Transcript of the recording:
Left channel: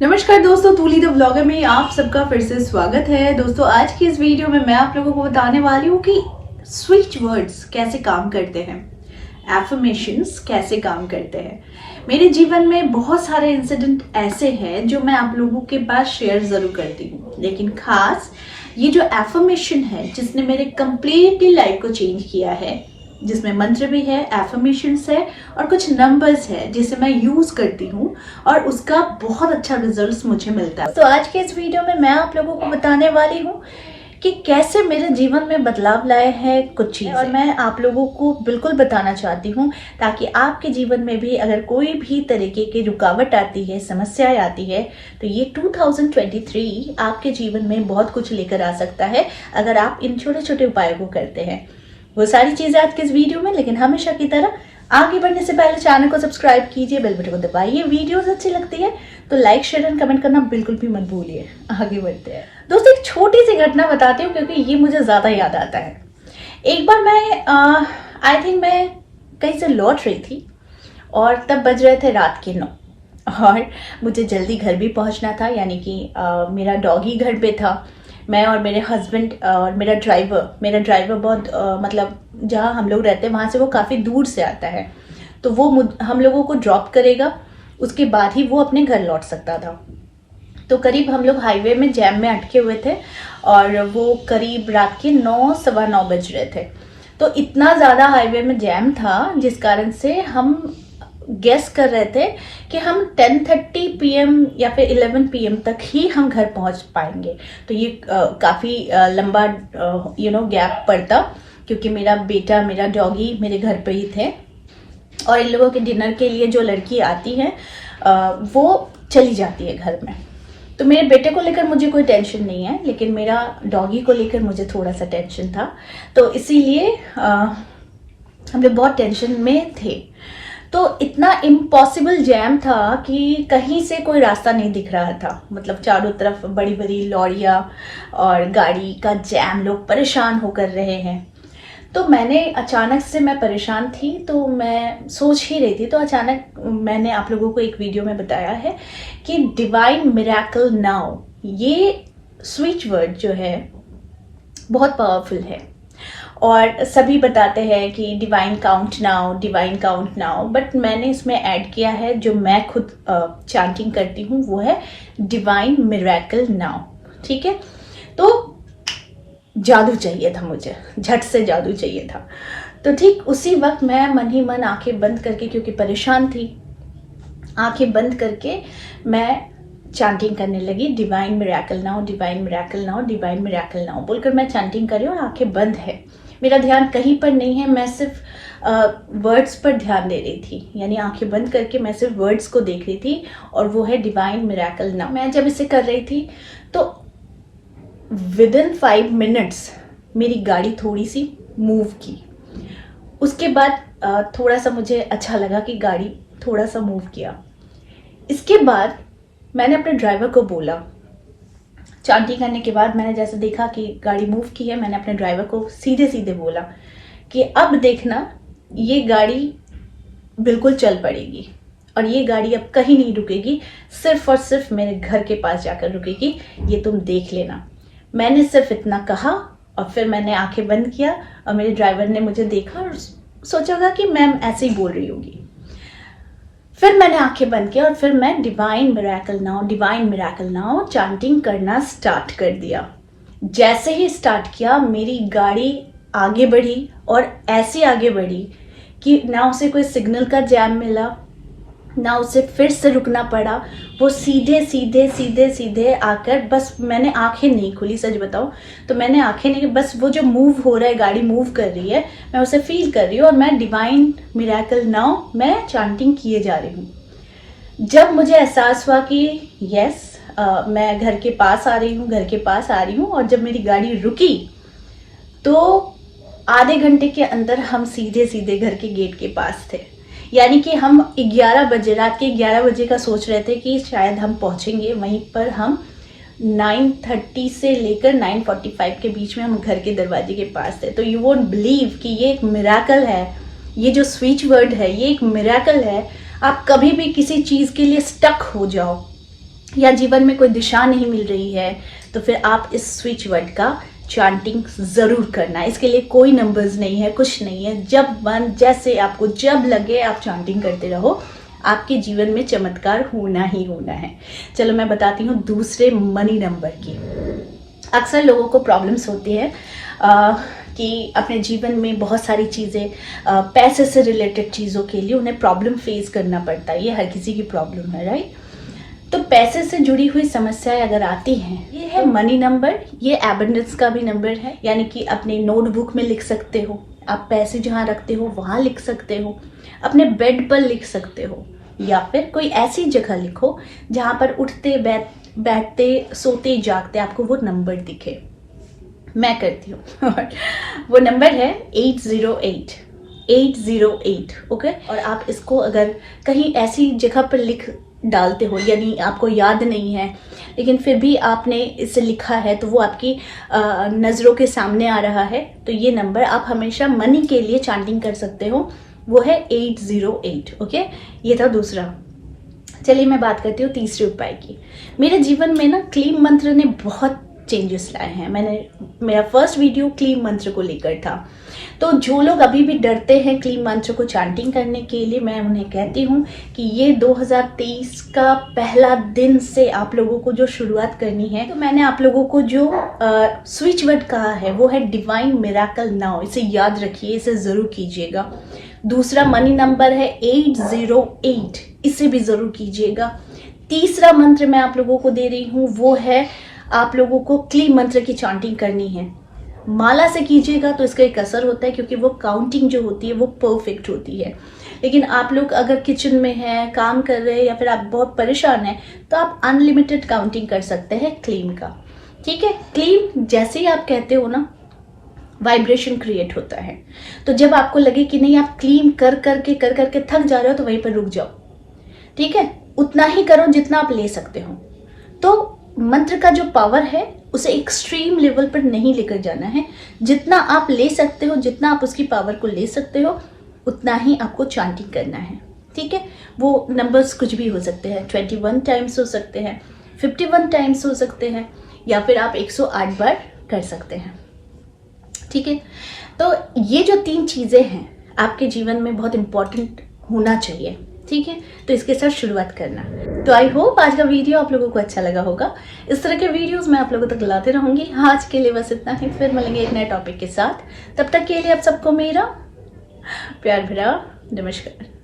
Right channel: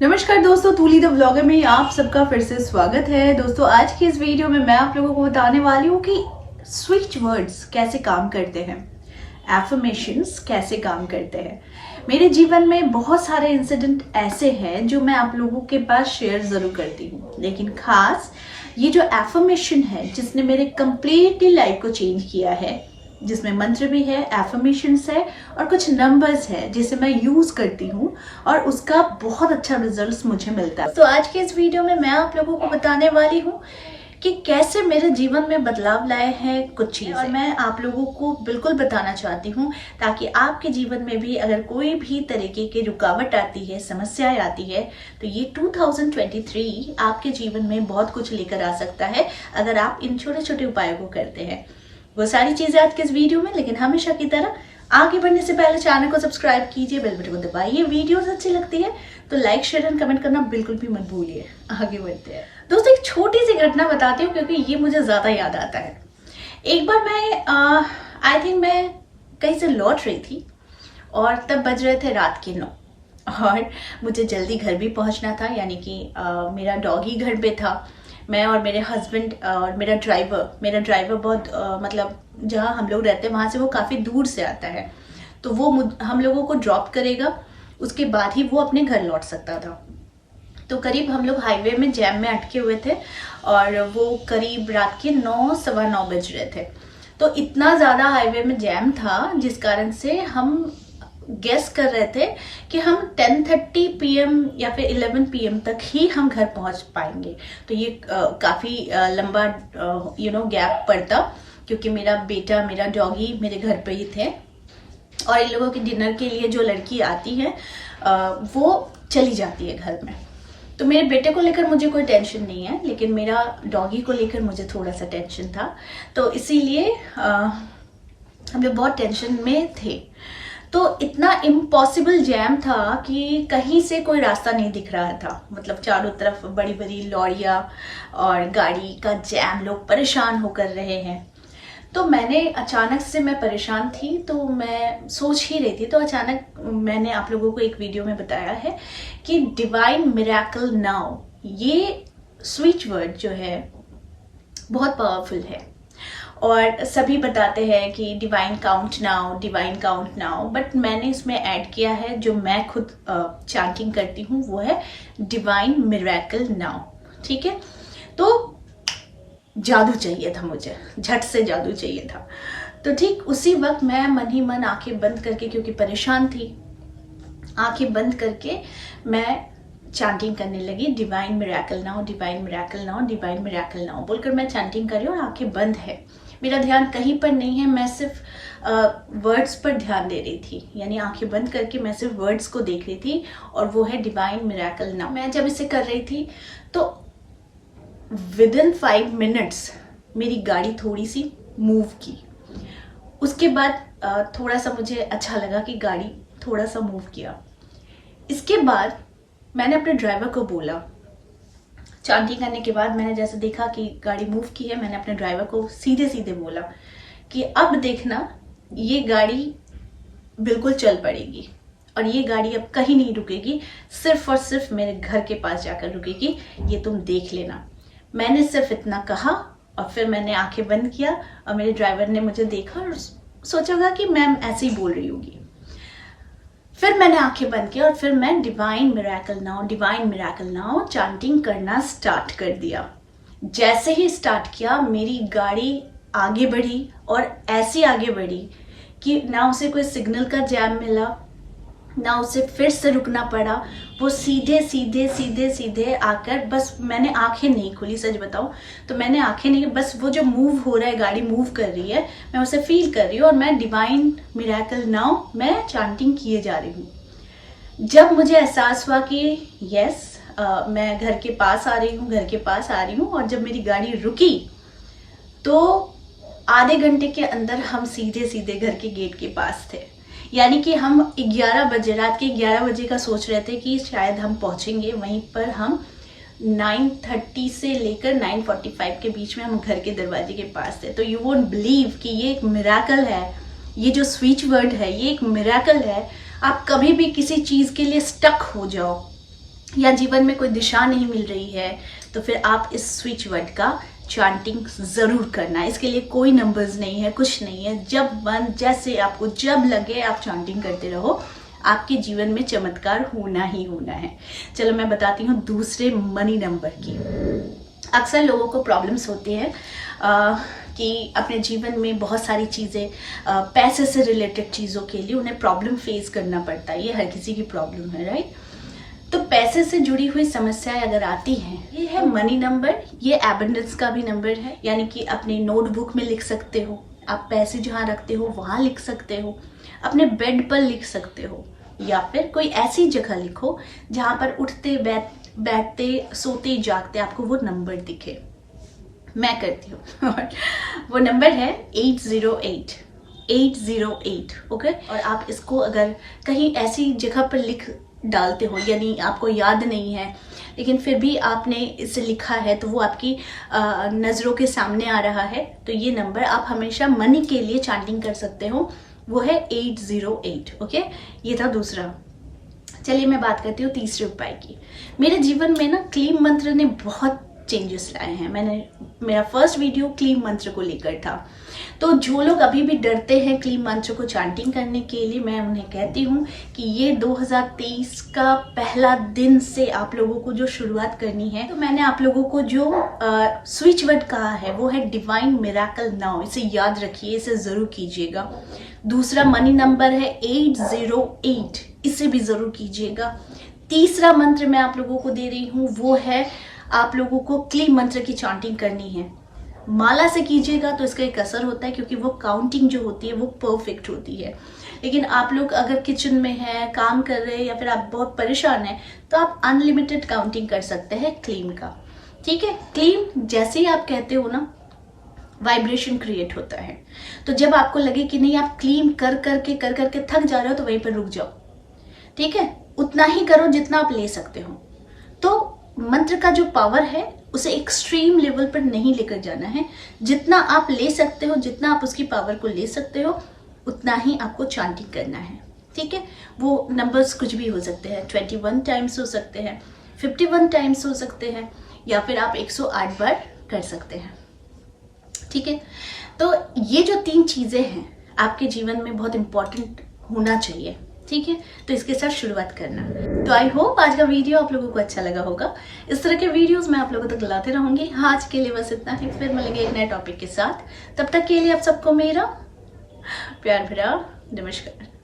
नमस्कार दोस्तों, तूली the vlogger में आप सबका फिर से स्वागत है। दोस्तों आज की इस वीडियो में मैं आप लोगों को बताने वाली हूँ कि स्विच वर्ड्स कैसे काम करते हैं, एफर्मेशंस कैसे काम करते हैं। मेरे जीवन में बहुत सारे इंसिडेंट ऐसे हैं जो मैं आप लोगों के पास शेयर ज़रूर करती हूँ, लेकिन खास ये जो एफर्मेशन है जिसने मेरे कंप्लीटली लाइफ को चेंज किया है, जिसमें मंत्र भी है, एफर्मेशंस है और कुछ नंबर्स है जिसे मैं यूज करती हूँ और उसका बहुत अच्छा रिजल्ट मुझे मिलता है। तो आज के इस वीडियो में मैं आप लोगों को बताने वाली हूँ कि कैसे मेरे जीवन में बदलाव लाए हैं कुछ चीज़ें, और मैं आप लोगों को बिल्कुल बताना चाहती हूँ ताकि आपके जीवन में भी अगर कोई भी तरीके की रुकावट आती है, समस्याएं आती है, तो ये 2023 आपके जीवन में बहुत कुछ लेकर आ सकता है अगर आप इन छोटे छोटे उपायों को करते हैं। वो सारी चीजें आज के इस वीडियो में, लेकिन हमेशा की तरह आगे बढ़ने से पहले चैनल को सब्सक्राइब कीजिए, बेल बटन को दबाइए। वीडियोस अच्छी लगती है तो लाइक, शेयर एंड कमेंट करना बिल्कुल भी मत भूलिए। आगे बढ़ते हैं दोस्तों, एक छोटी सी घटना बताती हूँ क्योंकि ये मुझे ज्यादा याद आता है। एक बार मैं आई थिंक मैं कहीं से लौट रही थी और तब बज रहे थे रात के 9 और मुझे जल्दी घर भी पहुंचना था, यानी कि मेरा डॉगी घर पे था। मैं और मेरे हस्बैंड और मेरा ड्राइवर बहुत मतलब जहाँ हम लोग रहते हैं वहाँ से वो काफ़ी दूर से आता है, तो वो हम लोगों को ड्रॉप करेगा, उसके बाद ही वो अपने घर लौट सकता था। तो करीब हम लोग हाईवे में जैम में अटके हुए थे और वो करीब रात के 9 सवा 9 बज रहे थे। तो इतना ज़्यादा हाईवे में जैम था जिस कारण से हम गेस कर रहे थे कि हम 10:30 PM या फिर 11 PM तक ही हम घर पहुंच पाएंगे। तो ये काफ़ी लंबा गैप पड़ता, क्योंकि मेरा बेटा, मेरा डॉगी मेरे घर पे ही थे और इन लोगों के डिनर के लिए जो लड़की आती है वो चली जाती है घर में। तो मेरे बेटे को लेकर मुझे कोई टेंशन नहीं है, लेकिन मेरा डॉगी को लेकर मुझे थोड़ा सा टेंशन था। तो इसीलिए हम लोग बहुत टेंशन में थे। तो इतना इम्पॉसिबल जैम था कि कहीं से कोई रास्ता नहीं दिख रहा था, मतलब चारों तरफ बड़ी बड़ी लॉरियां और गाड़ी का जैम, लोग परेशान होकर रहे हैं। तो अचानक से मैं परेशान थी, तो मैं सोच ही रही थी, तो अचानक मैंने आप लोगों को एक वीडियो में बताया है कि डिवाइन मिरेकल नाउ, ये स्विच वर्ड जो है बहुत पावरफुल है और सभी बताते हैं कि डिवाइन काउंट नाउ, बट मैंने इसमें ऐड किया है जो मैं खुद चैंटिंग करती हूँ, वो है डिवाइन मिरेकल नाउ। ठीक है, तो जादू चाहिए था मुझे, झट से जादू चाहिए था। तो ठीक उसी वक्त मैं मन ही मन आंखें बंद करके, क्योंकि परेशान थी, आंखें बंद करके मैं चैंटिंग करने लगी, divine miracle now, divine miracle now, divine miracle now बोलकर मैं चैंटिंग कर रही हूँ और आंखें बंद है। मेरा ध्यान कहीं पर नहीं है, मैं सिर्फ वर्ड्स पर ध्यान दे रही थी, यानी आंखें बंद करके मैं सिर्फ वर्ड्स को देख रही थी और वो है डिवाइन मिरेकल नाउ। मैं जब इसे कर रही थी तो विदिन 5 मिनट्स मेरी गाड़ी थोड़ी सी मूव की। उसके बाद थोड़ा सा मुझे अच्छा लगा कि गाड़ी थोड़ा सा मूव किया। इसके बाद मैंने अपने ड्राइवर को बोला, चैंटिंग करने के बाद मैंने जैसे देखा कि गाड़ी मूव की है, मैंने अपने ड्राइवर को सीधे सीधे बोला कि अब देखना, ये गाड़ी बिल्कुल चल पड़ेगी और ये गाड़ी अब कहीं नहीं रुकेगी, सिर्फ और सिर्फ मेरे घर के पास जाकर रुकेगी, ये तुम देख लेना। मैंने सिर्फ इतना कहा और फिर मैंने आंखें बंद किया और मेरे ड्राइवर ने मुझे देखा और सोचा होगा कि मैम ऐसे ही बोल रही होगी। फिर मैंने आंखें बंद किया और फिर मैं डिवाइन मिरेकल नाउ चैंटिंग करना स्टार्ट कर दिया। जैसे ही स्टार्ट किया मेरी गाड़ी आगे बढ़ी और ऐसे आगे बढ़ी कि ना उसे कोई सिग्नल का जैम मिला, ना उसे फिर से रुकना पड़ा। वो सीधे सीधे सीधे सीधे आकर, बस मैंने आंखें नहीं खुली, सच बताऊं तो मैंने आंखें नहीं, बस वो जो मूव हो रहा है, गाड़ी मूव कर रही है, मैं उसे फील कर रही हूँ और मैं डिवाइन मिरेकल नाउ मैं चैंटिंग किए जा रही हूँ। जब मुझे एहसास हुआ कि यस मैं घर के पास आ रही हूँ और जब मेरी गाड़ी रुकी तो आधे घंटे के अंदर हम सीधे सीधे घर के गेट के पास थे। यानी कि हम 11 बजे, रात के 11 बजे का सोच रहे थे कि शायद हम पहुंचेंगे, वहीं पर हम 9:30 से लेकर 9:45 के बीच में हम घर के दरवाजे के पास थे। तो यू वोंट बिलीव कि ये एक मिरेकल है, ये जो स्विच वर्ड है ये एक मिरेकल है। आप कभी भी किसी चीज़ के लिए स्टक हो जाओ या जीवन में कोई दिशा नहीं मिल रही है, तो फिर आप इस स्विच वर्ड का चांटिंग ज़रूर करना। इसके लिए कोई नंबर्स नहीं है, कुछ नहीं है। जब मन जैसे आपको जब लगे आप चांटिंग करते रहो, आपके जीवन में चमत्कार होना ही होना है। चलो मैं बताती हूँ दूसरे मनी नंबर की। अक्सर लोगों को प्रॉब्लम्स होती है कि अपने जीवन में बहुत सारी चीज़ें, पैसे से रिलेटेड चीज़ों के लिए उन्हें प्रॉब्लम फेस करना पड़ता है। ये हर किसी की प्रॉब्लम है, राइट। तो पैसे से जुड़ी हुई समस्याएं अगर आती हैं, ये है मनी नंबर। ये एबंडेंस का भी नंबर है, यानी कि अपनी नोटबुक में लिख सकते हो, आप पैसे जहाँ रखते हो वहाँ लिख सकते हो, अपने बेड पर लिख सकते हो, या फिर कोई ऐसी जगह लिखो जहाँ पर उठते बैठते सोते जागते आपको वो नंबर दिखे। मैं करती हूँ और वो नंबर है 808 808। ओके, और आप इसको अगर कहीं ऐसी जगह पर लिख डालते हो, यानी आपको याद नहीं है लेकिन फिर भी आपने इसे लिखा है, तो वो आपकी नज़रों के सामने आ रहा है, तो ये नंबर आप हमेशा मनी के लिए चांटिंग कर सकते हो। वो है 808। ओके, ये था दूसरा। चलिए मैं बात करती हूँ तीसरे उपाय की। मेरे जीवन में ना क्लीम मंत्र ने बहुत चेंजेस लाए हैं। मेरा फर्स्ट वीडियो क्लीम मंत्र को लेकर था। तो जो लोग अभी भी डरते हैं क्लीम मंत्र को चांटिंग करने के लिए, मैं उन्हें कहती हूँ कि ये 2023 का पहला दिन से आप लोगों को जो शुरुआत करनी है, तो मैंने आप लोगों को जो स्विच वर्ड कहा है वो है डिवाइन मिरेकल नाउ। इसे याद रखिए, इसे ज़रूर कीजिएगा। दूसरा मनी नंबर है 808, इसे भी ज़रूर कीजिएगा। तीसरा मंत्र मैं आप लोगों को दे रही हूँ, वो है आप लोगों को क्लीम मंत्र की चांटिंग करनी है। माला से कीजिएगा तो इसका एक असर होता है, क्योंकि वो काउंटिंग जो होती है वो परफेक्ट होती है। लेकिन आप लोग अगर किचन में हैं, काम कर रहे हैं, या फिर आप बहुत परेशान हैं, तो आप अनलिमिटेड काउंटिंग कर सकते हैं क्लीम का। ठीक है, क्लीम जैसे ही आप कहते हो ना, वाइब्रेशन क्रिएट होता है। तो जब आपको लगे कि नहीं आप क्लीम कर करके थक जा रहे हो, तो वहीं पर रुक जाओ। ठीक है, उतना ही करो जितना आप ले सकते हो। तो मंत्र का जो पावर है उसे एक्सट्रीम लेवल पर नहीं लेकर जाना है। जितना आप ले सकते हो, जितना आप उसकी पावर को ले सकते हो, उतना ही आपको चांटिंग करना है। ठीक है, वो नंबर्स कुछ भी हो सकते हैं, 21 टाइम्स हो सकते हैं, 51 टाइम्स हो सकते हैं, या फिर आप 108 बार कर सकते हैं। ठीक है, तो ये जो 3 चीज़ें हैं आपके जीवन में बहुत इंपॉर्टेंट होना चाहिए। ठीक है, तो इसके साथ शुरुआत करना। तो आई होप आज का वीडियो आप लोगों को अच्छा लगा होगा। इस तरह के वीडियोस मैं आप लोगों तक लाते रहूंगी। आज के लिए बस इतना ही, फिर मिलेंगे एक नए टॉपिक के साथ। तब तक के लिए आप सबको मेरा प्यार भरा नमस्कार।